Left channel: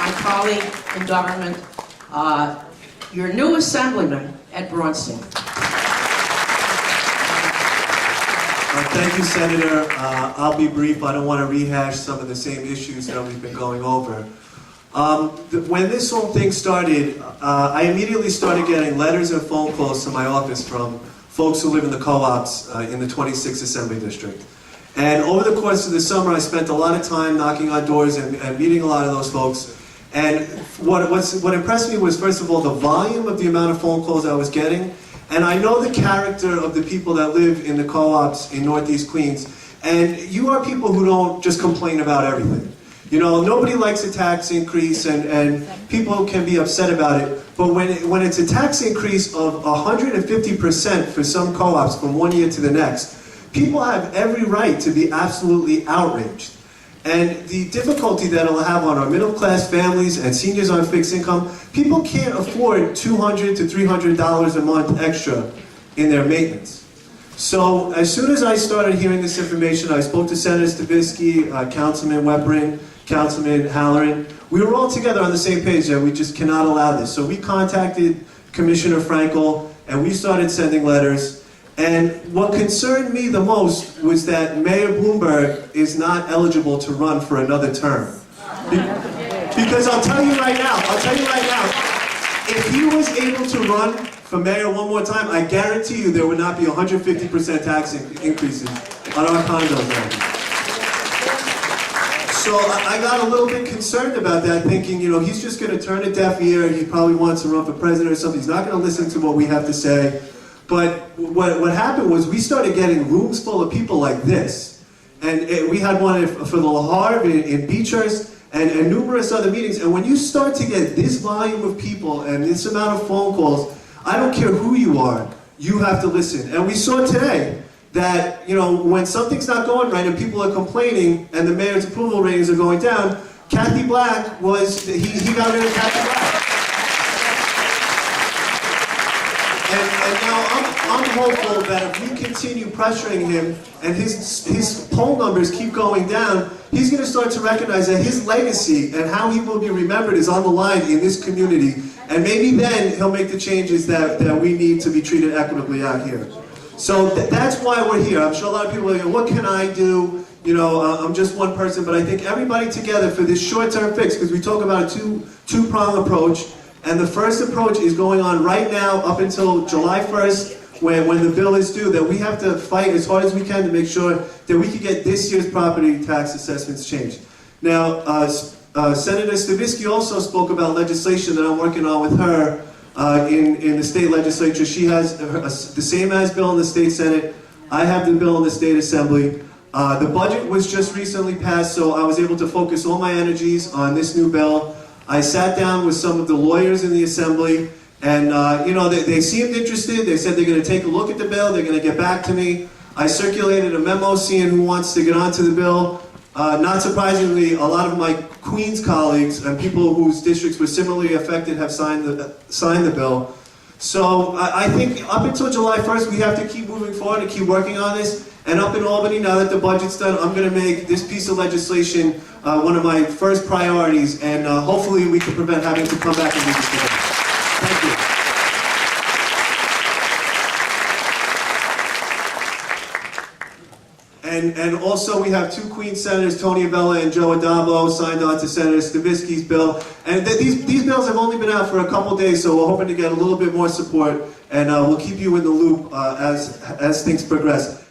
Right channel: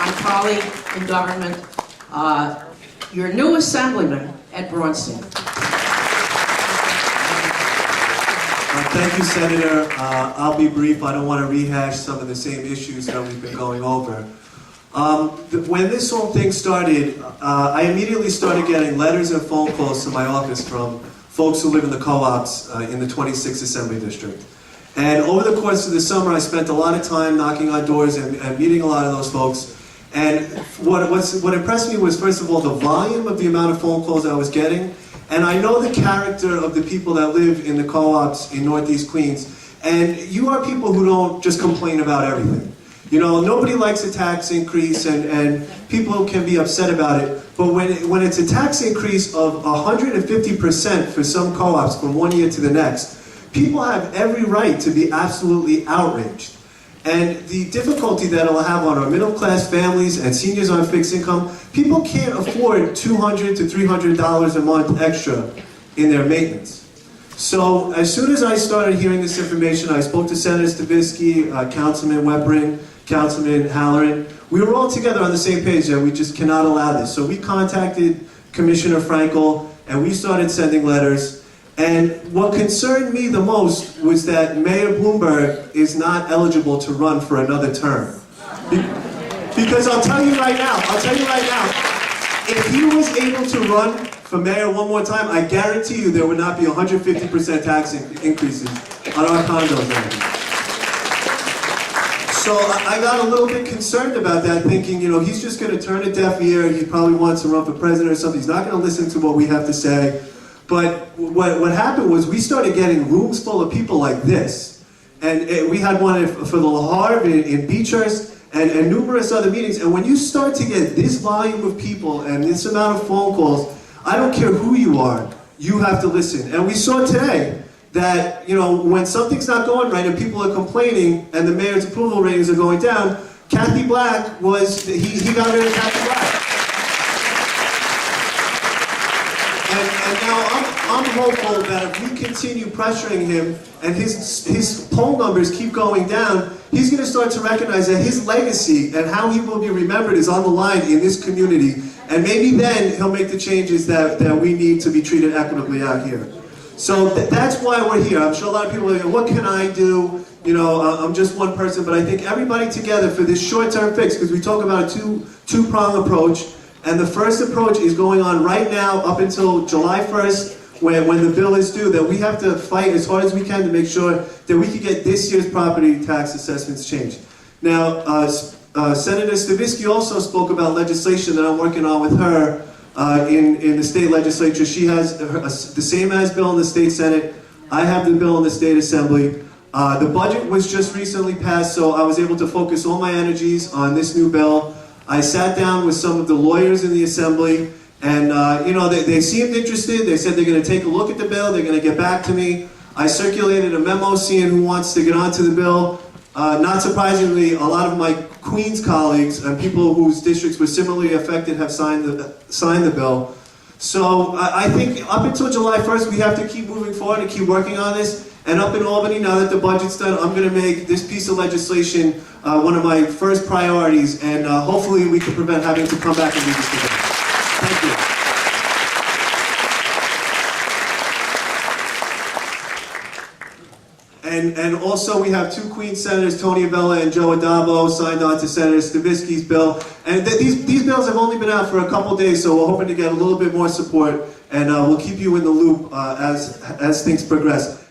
my colleague in government, your new Assemblyman at Braunstein. Thank you, Senator. I'll be brief. I don't want to rehash some of the same issues that we've been going over. When this whole thing started, I immediately started getting letters and phone calls to my office from folks who live in the co-ops in the 26th Assembly District. And over the course of the summer, I spent a lot of time knocking on doors and meeting a lot of those folks. And what impressed me was, first of all, the volume of the amount of phone calls I was getting. And I know the character of the people that live in the co-ops in Northeast Queens. And you are people who don't just complain about everything. You know, nobody likes a tax increase, and people can be upset about it. But when it's a tax increase of 150% for some co-ops from one year to the next, people have every right to be absolutely outraged. And the difficulty that it'll have on our middle-class families and seniors on fixed income, people can't afford $200 to $300 a month extra in their maintenance. So as soon as I started hearing this information, I spoke to Senator Stavisky, Councilman Weppering, Councilman Halloran. We were all together on the same page that we just cannot allow this. So we contacted Commissioner Frankel, and we started sending letters. And what concerned me the most was that Mayor Bloomberg is not eligible to run for another term. Because I'll tell you right now, if he was able to run for mayor one more time, I guarantee you there would not be 150% tax increases on our condos now. So I got a little bit concerned about that, thinking, you know, he's just going to turn a deaf ear. He probably wants to run for president or something. He's not going to listen to what we have to say. But what happened was we started getting rooms full of people like this. And we had one for the La Harve in Beechhurst and numerous other meetings. And when you start to get this volume of people and this amount of phone calls, I don't care who you are, you have to listen. And we saw today that, you know, when something's not going right and people are complaining and the mayor's approval ratings are going down, Kathy Black was, he got rid of Kathy Black. And now I'm hopeful that if we continue pressuring him and his poll numbers keep going down, he's going to start to recognize that his legacy and how he will be remembered is on the line in this community. And maybe then he'll make the changes that we need to be treated equitably out here. So that's why we're here. I'm sure a lot of people are like, what can I do? You know, I'm just one person, but I think everybody together for this short-term fix, because we talk about a two-prong approach. And the first approach is going on right now up until July 1st, when the bill is due, that we have to fight as hard as we can to make sure that we can get this year's property tax assessments changed. Now, Senator Stavisky also spoke about legislation that I'm working on with her in the state legislature. She has the same as bill in the state Senate. I have the bill in the state assembly. The budget was just recently passed, so I was able to focus all my energies on this new bill. I sat down with some of the lawyers in the assembly, and you know, they seemed interested. They said they're going to take a look at the bill. They're going to get back to me. I circulated a memo seeing who wants to get onto the bill. Not surprisingly, a lot of my Queens colleagues and people whose districts were similarly affected have signed the bill. So I think up until July 1st, we have to keep moving forward and keep working on this. And up in Albany, now that the budget's done, I'm going to make this piece of legislation one of my first priorities, and hopefully we can prevent having to come back and do this again. Thank you. And also we have two Queens senators, Tony Avella and Joe Adamo, signed on to Senator Stavisky's bill. And these bills have only been out for a couple days, so we're hoping to get a little bit more support, and we'll keep you in the loop as things progress.